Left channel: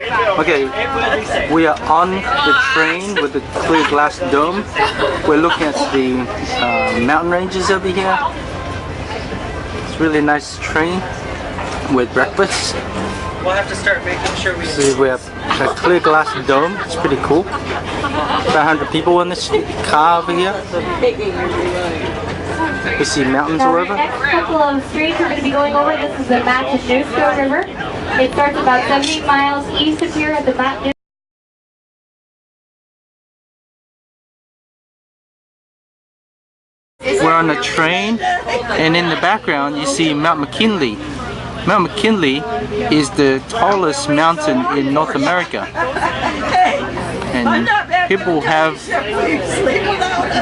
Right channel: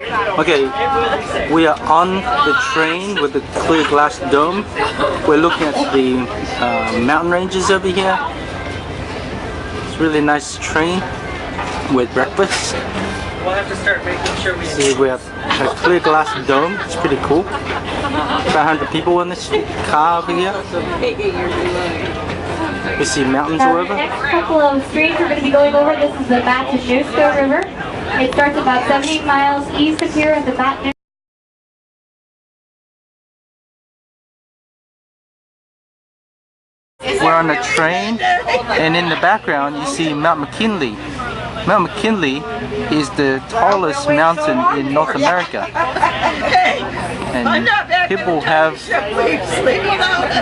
Okay, we are on the train with the clear glass dome. We're looking at the mountain ranges over here. It's a really nice train with breakfast. We'll have to start making sure we See, we have a clear glass dome. It's pretty cool. About 100 people in this car over here. We see mountains all over. The next couple of streets we're going to be going over, this is the Matanuska River. It starts about 70 miles east of here at the Matanuska. We're on a train, and in the background you see Mount McKinley. Mount McKinley is the tallest mountain in North America, and people have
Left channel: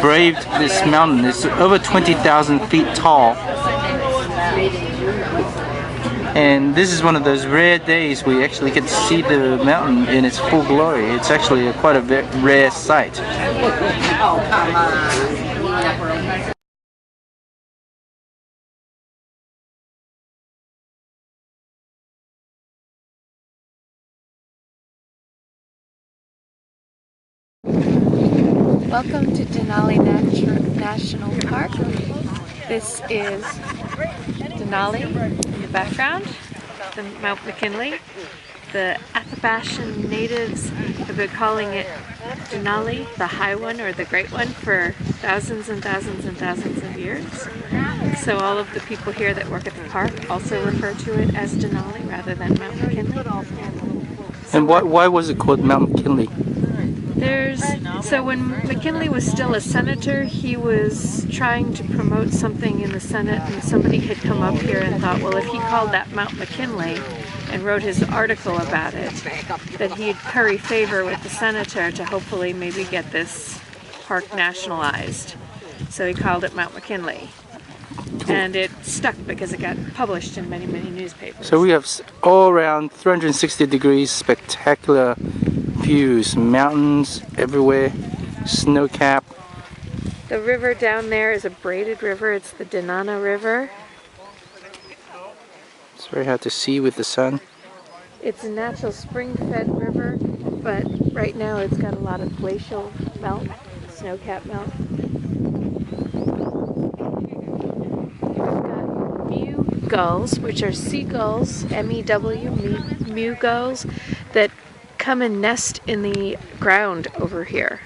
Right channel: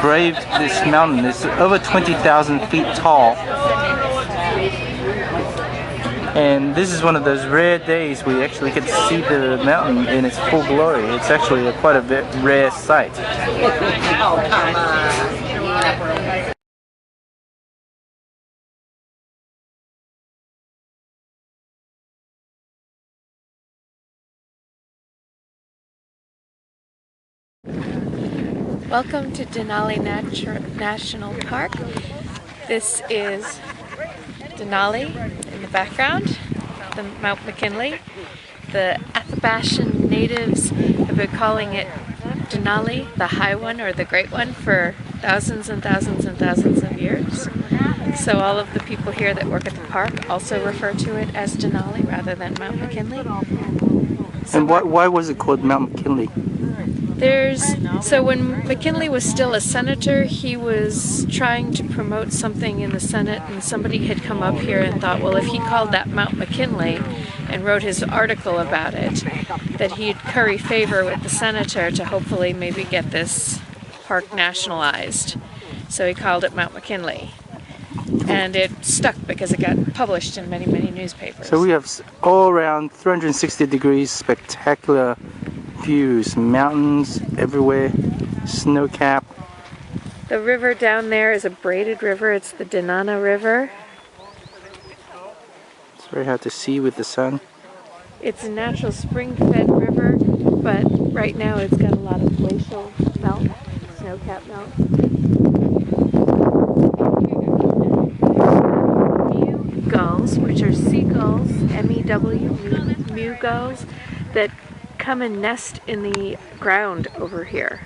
braved this mountain. It's over 20,000 feet tall, and this is one of those rare days we actually get to see the mountain in its full glory. It's actually quite a rare sight. Welcome to Denali National Park. This is Denali in the background, the Mount McKinley. The Athabascan natives have been calling it Denali, the High One or the Great One, for thousands and thousands and thousands of years. So all of the people here that work at the park also refer to it as Denali rather than Mount McKinley. And why was it called Mount McKinley? So when McKinley was still a senator, he was trying to promote something in the Senate, and somebody had come up here and thought, well, if he called that Mount McKinley and wrote his article about it, that he'd curry favor with the senator to hopefully maybe get this park nationalized. So he called it Mount McKinley. And it stuck because it got published in many, many newspapers. So we have all around 360 degrees spectacular views, mountains everywhere, snow cap. The river down there is a braided river. It's the Denana River. It's very hard to see with the sun. It's a natural spring-fed river, but right now it's got a lot of glacial melt, snow cap melt. Mew gulls, which are seagulls, M-E-W, mew gulls, that come and nest in the ground over here.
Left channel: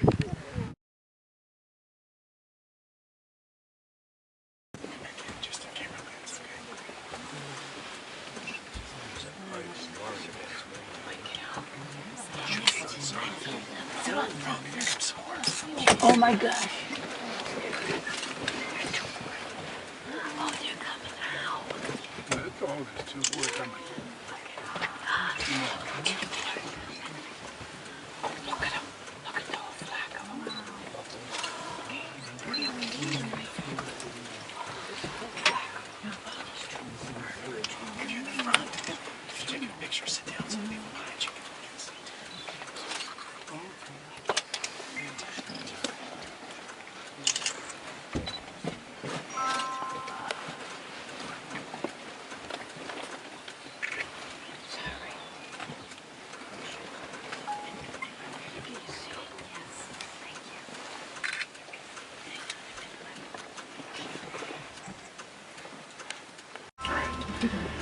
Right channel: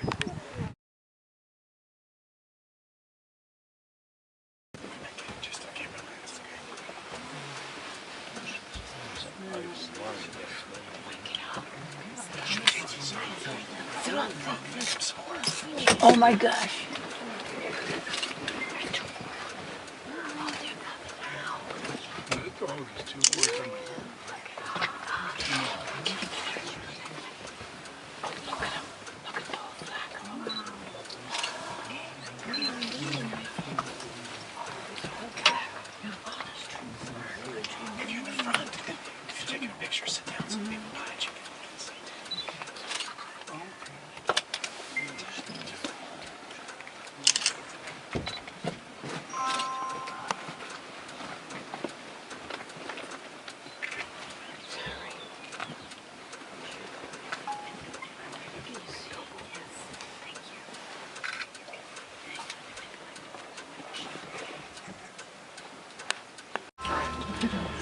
Oh my gosh.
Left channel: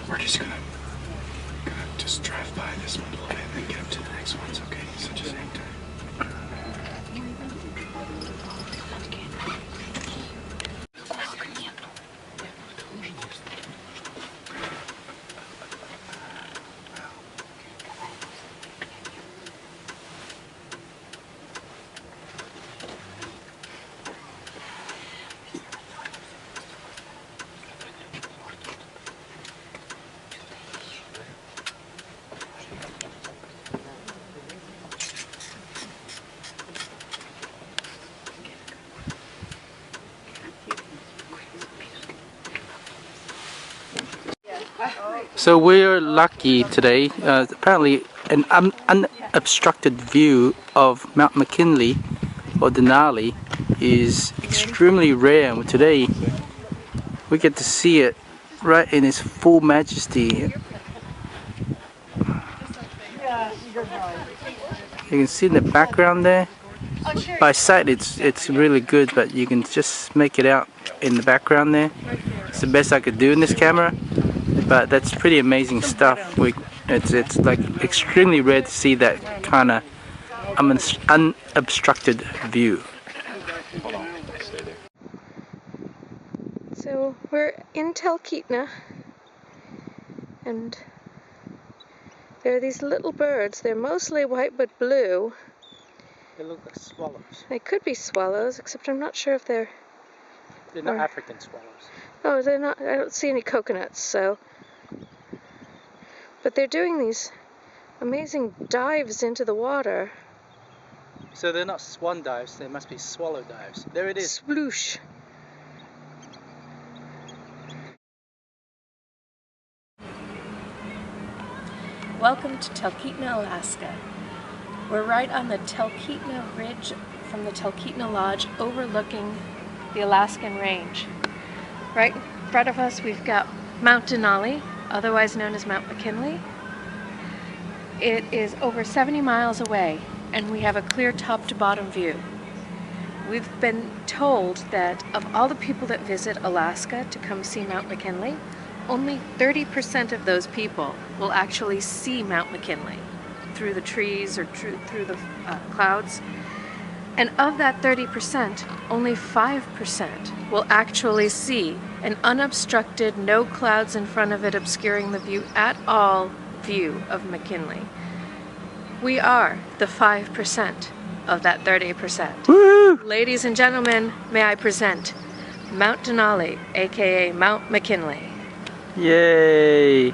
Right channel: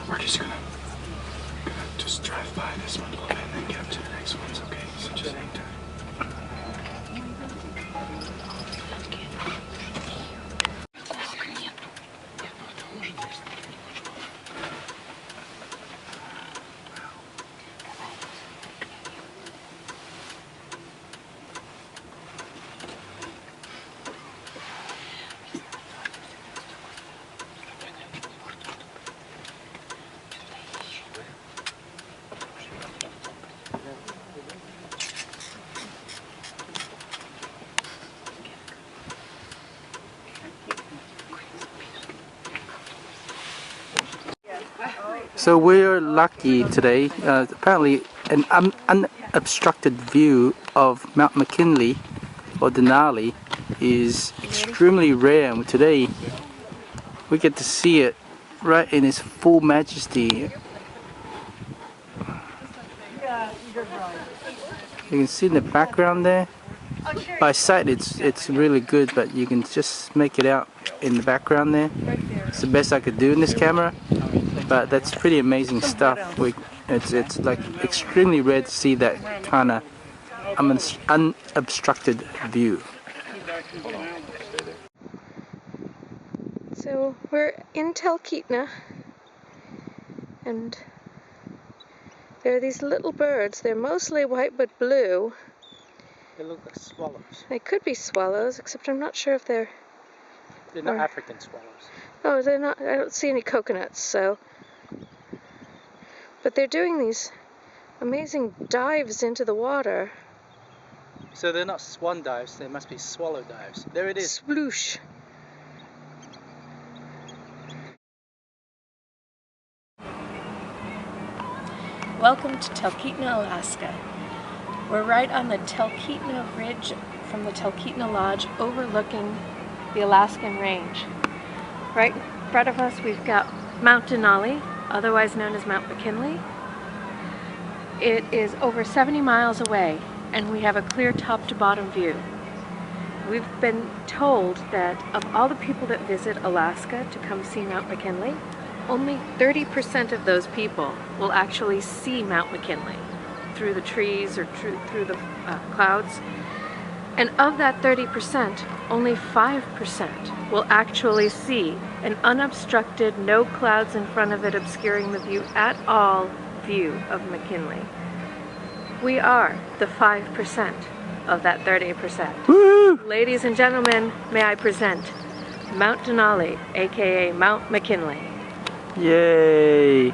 We're just drive by this one, okay, and then get to the next ones, okay? So just hang tight. So we're lucky today. Apparently an unobstructed view of Mount McKinley or Denali is extremely rare, and today we get to see it right in its full majesty. You can see in the background there. By sight it's really good, but you can just make it out in the background there. It's the best I could do in this camera, but that's pretty amazing stuff. It's like extremely rare to see that kind of unobstructed view. So we're in Talkeetna, and there are these little birds. They're mostly white but blue. They look like swallows. They could be swallows, except I'm not sure if they're... They're not African swallows. Oh, they're not. I don't see any coconuts, so... But they're doing these amazing dives into the water. So they're not swan dives, they must be swallow dives. There it is. Sploosh. Welcome to Talkeetna, Alaska. We're right on the Talkeetna Ridge from the Talkeetna Lodge overlooking the Alaskan Range. Right in front of us we've got Mount Denali, otherwise known as Mount McKinley. It is over 70 miles away and we have a clear top to bottom view. We've been told that of all the people that visit Alaska to come see Mount McKinley, only 30% of those people will actually see Mount McKinley through the trees or through the clouds. And of that 30%, only 5% will actually see an unobstructed, no clouds in front of it obscuring the view at all view of McKinley. We are the 5% of that 30%. Woo! Ladies and gentlemen, may I present Mount Denali, aka Mount McKinley. Yay!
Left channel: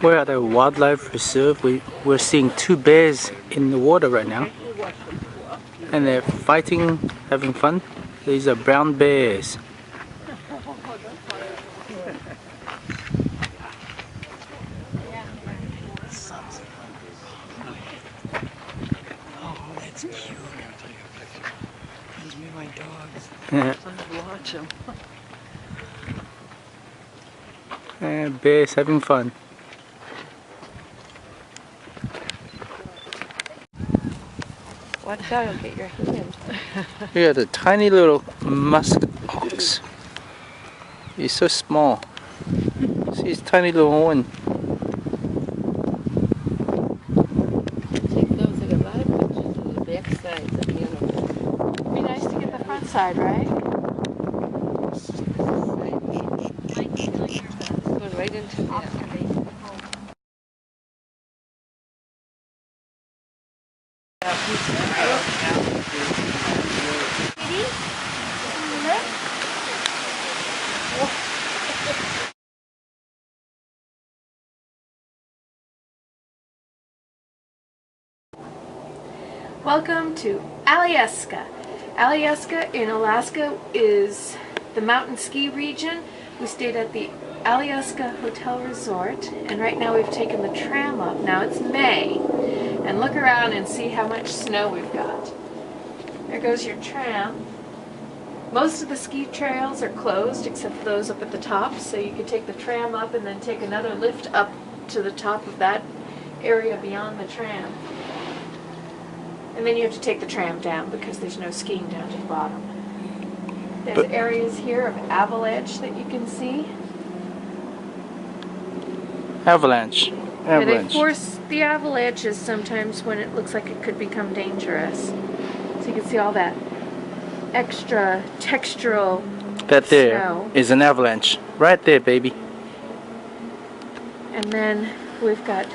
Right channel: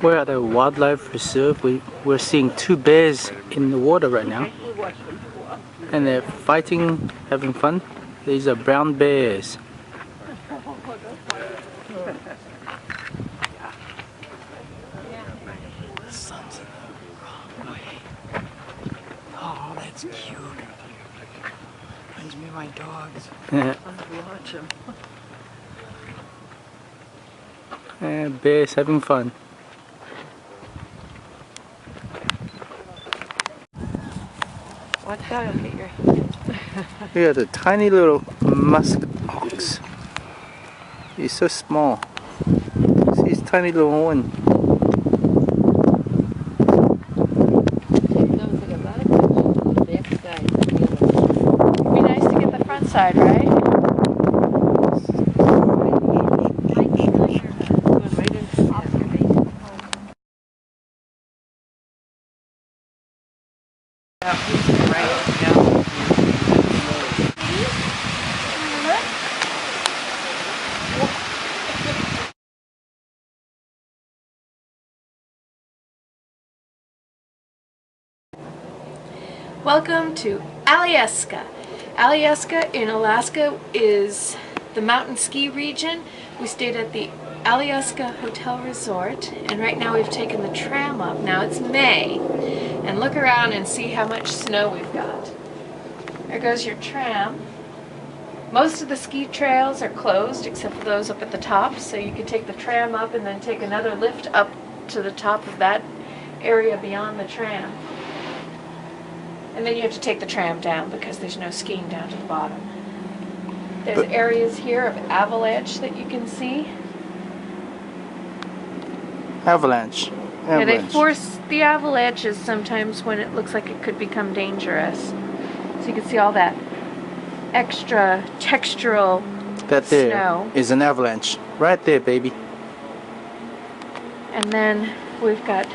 We're at a wildlife reserve. We're seeing two bears in the water right now. And they're fighting, having fun. These are brown bears. Oh, that's cute. Reminds me of my dogs. Watch them. And bears having fun. Watch out, I'll hit your hand. Look at the tiny little musk ox. He's so small. See his tiny little horn. It'd be nice to get the front side, right? Right into Welcome to Alyeska. Alyeska in Alaska is the mountain ski region. We stayed at the Alyeska Hotel Resort, and right now we've taken the tram up. Now it's May, and look around and see how much snow we've got. There goes your tram. Most of the ski trails are closed except for those up at the top, so you could take the tram up and then take another lift up to the top of that area beyond the tram. And then you have to take the tram down because there's no skiing down to the bottom. There's areas here of avalanche that you can see. Avalanche. Yeah, they force the avalanches sometimes when it looks like it could become dangerous. So you can see all that extra textural That there snow. is an avalanche. Right there, baby. And then we've got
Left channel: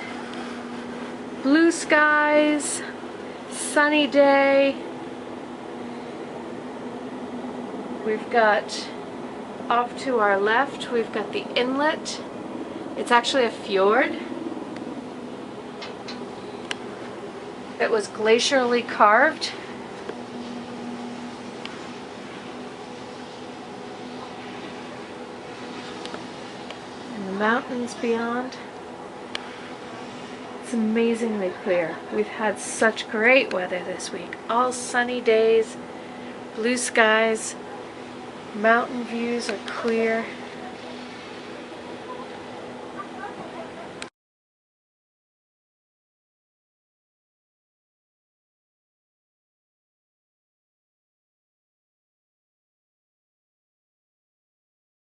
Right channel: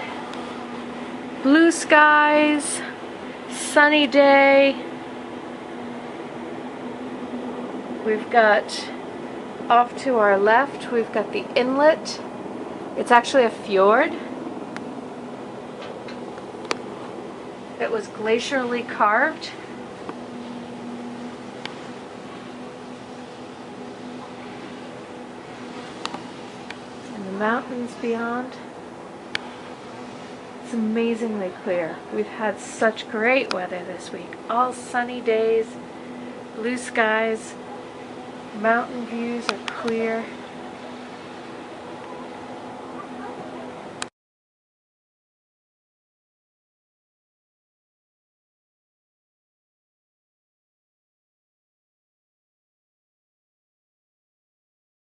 blue skies, sunny day. We've got off to our left, we've got the inlet. It's actually a fjord. It was glacially carved. And the mountains beyond. It's amazingly clear. We've had such great weather this week. All sunny days, blue skies, Mountain views are clear.